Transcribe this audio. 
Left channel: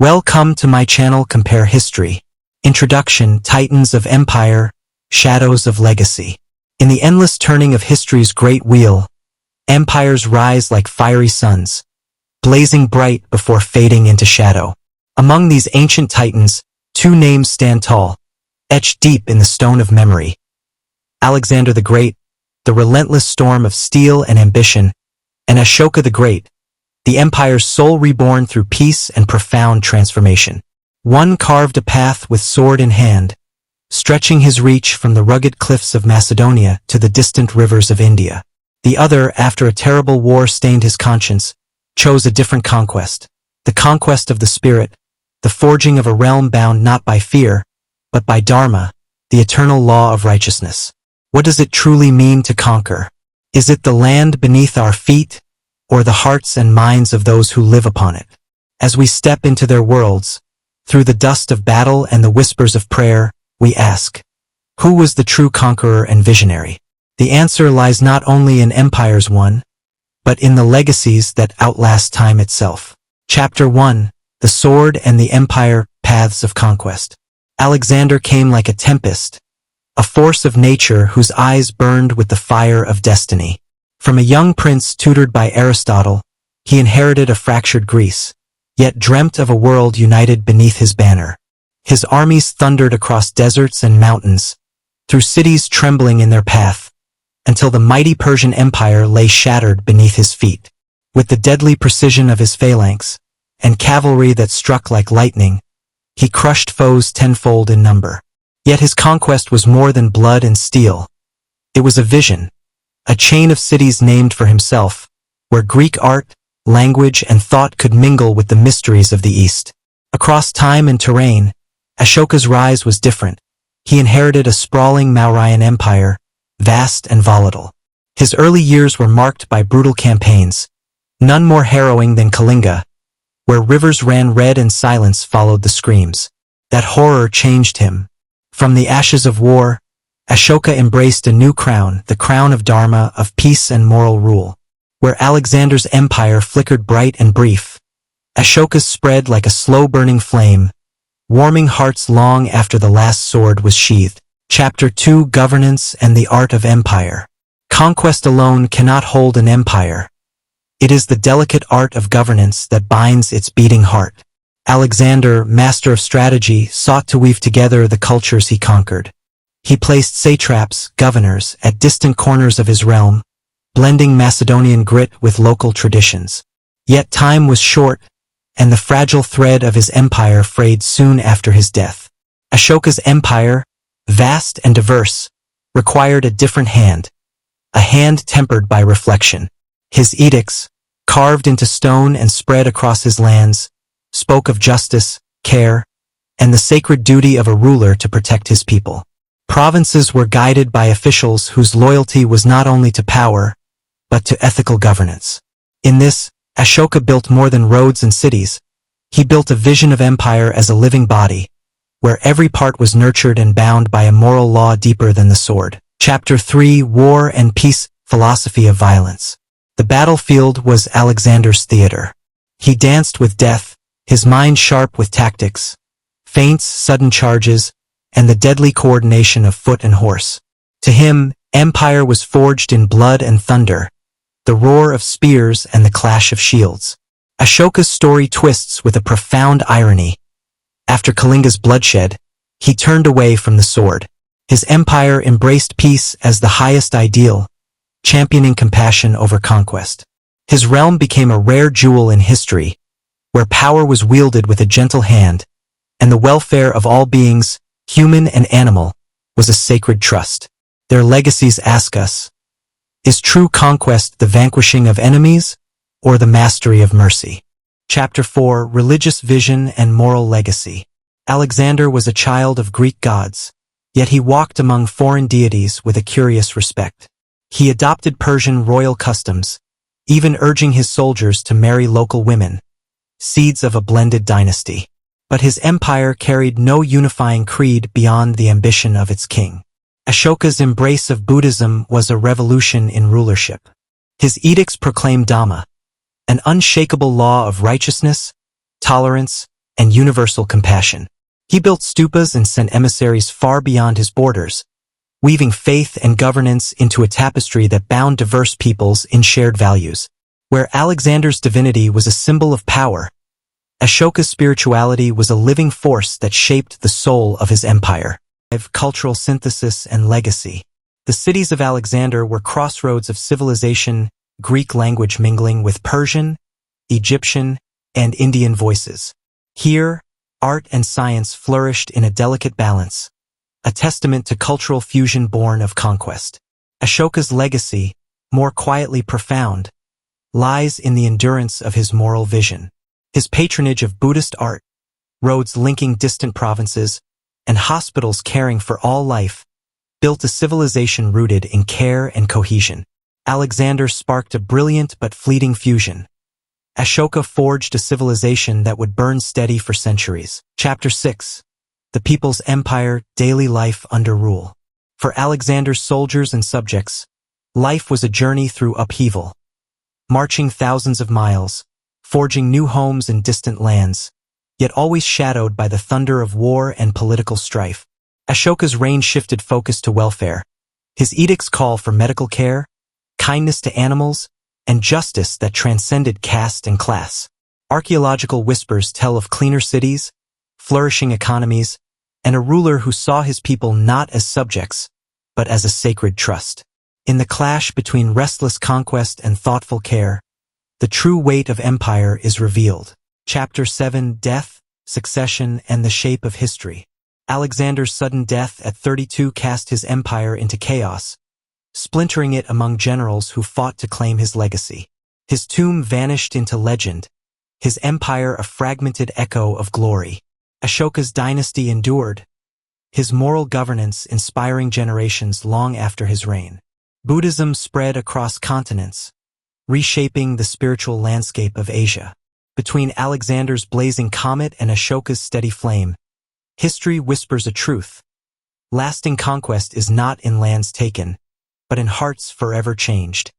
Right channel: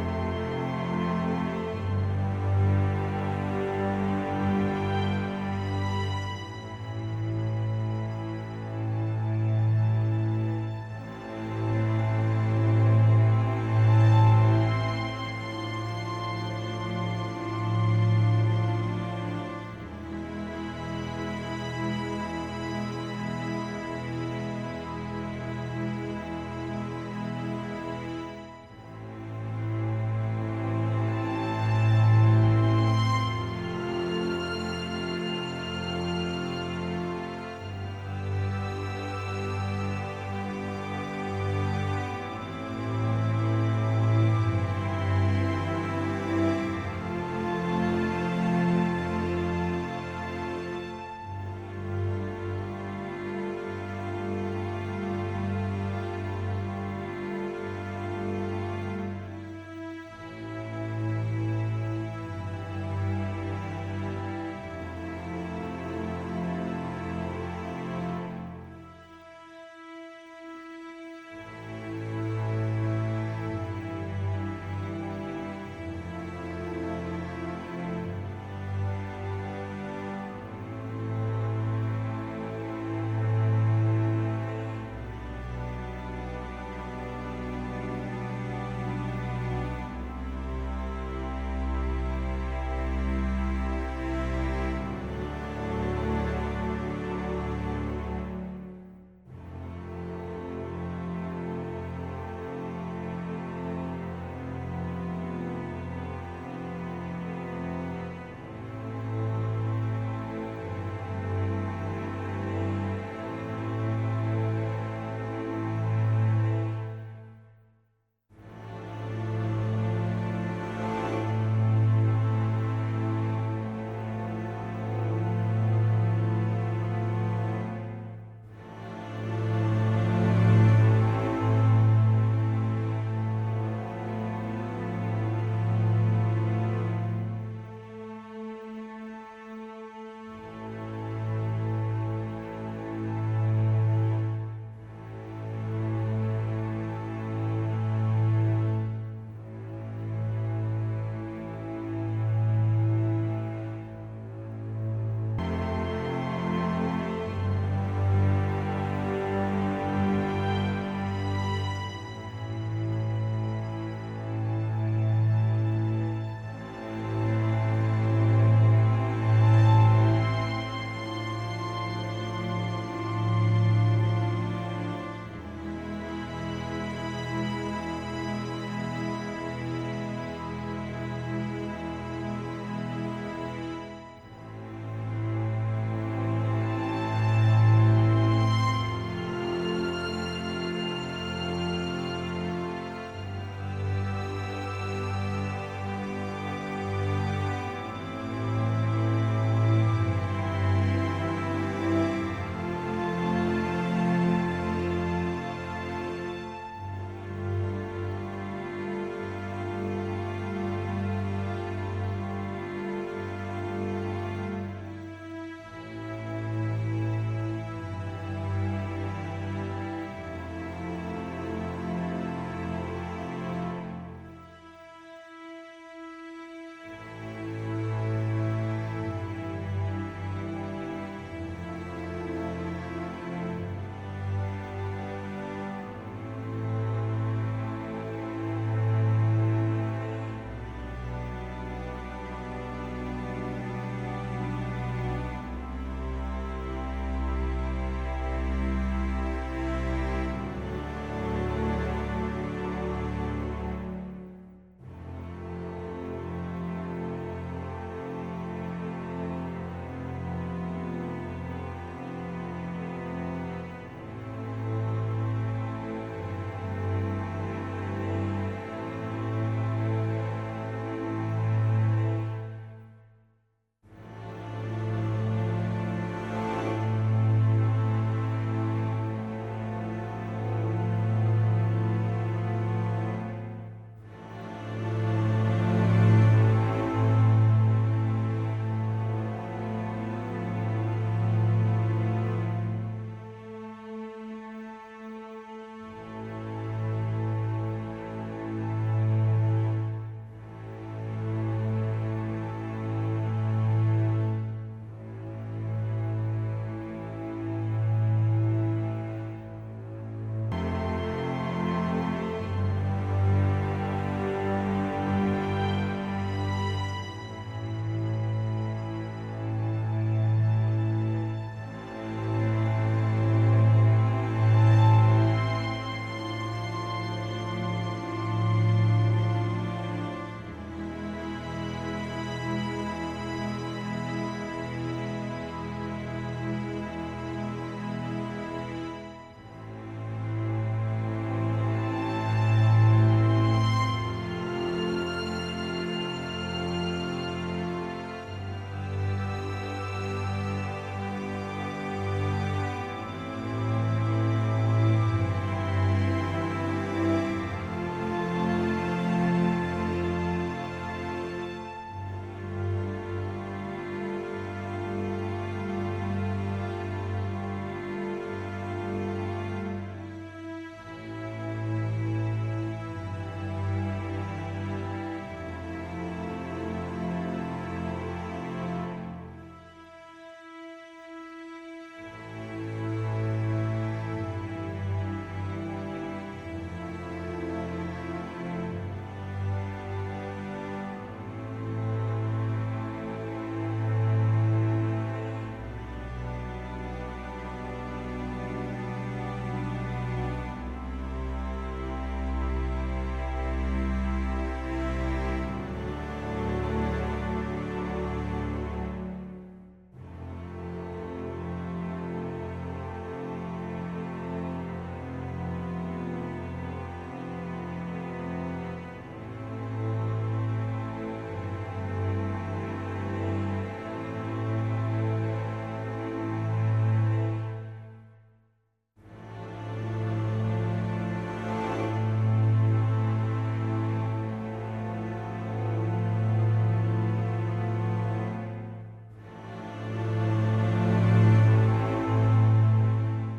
Welcome to my channel Compare History. Introduction: Titans of Empire, Shadows of Legacy. In the endless turning of history's great wheel, empires rise like fiery suns, blazing bright before fading into shadow. Among these ancient titans, two names stand tall, etched deep in the stone of memory. Alexander the Great, the relentless storm of steel and ambition, and Ashoka the Great, the empire's soul reborn through peace and profound transformation. One carved a path with sword in hand, stretching his reach from the rugged cliffs of Macedonia to the distant rivers of India. The other, after a terrible war stained his conscience, chose a different conquest, the conquest of the spirit, the forging of a realm bound not by fear, but by Dharma, the eternal law of righteousness. What does it truly mean to conquer? Is it the land beneath our feet, or the hearts and minds of those who live upon it? As we step into their worlds, through the dust of battle and the whispers of prayer, we ask, who was the true conqueror and visionary? The answer lies not only in empires won, but in the legacies that outlast time itself. Chapter 1: The Sword and the Empire, Paths of Conquest. Alexander came like a tempest, a force of nature whose eyes burned with the fire of destiny. From a young prince tutored by Aristotle, he inherited a fractured Greece, yet dreamt of a world united beneath his banner. His armies thundered across deserts and mountains, through cities trembling in their path, until the mighty Persian Empire lay shattered beneath his feet. With the deadly precision of his phalanx, and cavalry that struck like lightning, he crushed foes tenfold in number. Yet his conquest was more than blood and steel. It was a vision, a chain of cities named for himself, where Greek art, language, and thought could mingle with the mysteries of the East. Across time and terrain, Ashoka's rise was different. He inherited a sprawling Mauryan empire, vast and volatile. His early years were marked by brutal campaigns, none more harrowing than Kalinga, where rivers ran red and silence followed the screams. That horror changed him. From the ashes of war, Ashoka embraced a new crown, the crown of Dharma, of peace and moral rule. Where Alexander's empire flickered bright and brief, Ashoka's spread like a slow-burning flame, warming hearts long after the last sword was sheathed. Chapter 2: Governance and the Art of Empire. Conquest alone cannot hold an empire. It is the delicate art of governance that binds its beating heart. Alexander, master of strategy, sought to weave together the cultures he conquered. He placed satraps, governors, at distant corners of his realm, blending Macedonian grit with local traditions. Yet time was short, and the fragile thread of his empire frayed soon after his death. Ashoka's empire, vast and diverse, required a different hand, a hand tempered by reflection. His edicts, carved into stone and spread across his lands, spoke of justice, care, and the sacred duty of a ruler to protect his people. Provinces were guided by officials whose loyalty was not only to power, but to ethical governance. In this, Ashoka built more than roads and cities. He built a vision of empire as a living body, where every part was nurtured and bound by a moral law deeper than the sword. Chapter 3: War and Peace, Philosophy of Violence. The battlefield was Alexander's theater. He danced with death, his mind sharp with tactics, feints, sudden charges, and the deadly coordination of foot and horse. To him, empire was forged in blood and thunder, the roar of spears and the clash of shields. Ashoka's story twists with a profound irony. After Kalinga's bloodshed, he turned away from the sword. His empire embraced peace as the highest ideal, championing compassion over conquest. His realm became a rare jewel in history, where power was wielded with a gentle hand, and the welfare of all beings, human and animal, was a sacred trust. Their legacies ask us, is true conquest the vanquishing of enemies, or the mastery of mercy? Chapter 4: Religious Vision and Moral Legacy. Alexander was a child of Greek gods, yet he walked among foreign deities with a curious respect. He adopted Persian royal customs, even urging his soldiers to marry local women, seeds of a blended dynasty. But his empire carried no unifying creed beyond the ambition of its king. Ashoka's embrace of Buddhism was a revolution in rulership. His edicts proclaimed Dhamma, an unshakable law of righteousness, tolerance, and universal compassion. He built stupas and sent emissaries far beyond his borders, weaving faith and governance into a tapestry that bound diverse peoples in shared values. Where Alexander's divinity was a symbol of power, Ashoka's spirituality was a living force that shaped the soul of his empire. Cultural synthesis and legacy. The cities of Alexander were crossroads of civilization, Greek language mingling with Persian, Egyptian, and Indian voices. Here, art and science flourished in a delicate balance, a testament to cultural fusion born of conquest. Ashoka's legacy, more quietly profound, lies in the endurance of his moral vision. His patronage of Buddhist art, roads linking distant provinces, and hospitals caring for all life, built a civilization rooted in care and cohesion. Alexander sparked a brilliant but fleeting fusion. Ashoka forged a civilization that would burn steady for centuries. Chapter 6. The People's Empire, Daily Life Under Rule. For Alexander's soldiers and subjects, life was a journey through upheaval. Marching thousands of miles, forging new homes in distant lands, yet always shadowed by the thunder of war and political strife. Ashoka's reign shifted focus to welfare. His edicts call for medical care, kindness to animals, and justice that transcended caste and class. Archaeological whispers tell of cleaner cities, flourishing economies, and a ruler who saw his people not as subjects, but as a sacred trust. In the clash between restless conquest and thoughtful care, the true weight of empire is revealed. Chapter 7. Death, Succession, and the Shape of History. Alexander's sudden death at 32 cast his empire into chaos, splintering it among generals who fought to claim his legacy. His tomb vanished into legend, his empire a fragmented echo of glory. Ashoka's dynasty endured, his moral governance inspiring generations long after his reign. Buddhism spread across continents, reshaping the spiritual landscape of Asia. Between Alexander's blazing comet and Ashoka's steady flame, history whispers a truth. Lasting conquest is not in lands taken, but in hearts forever changed.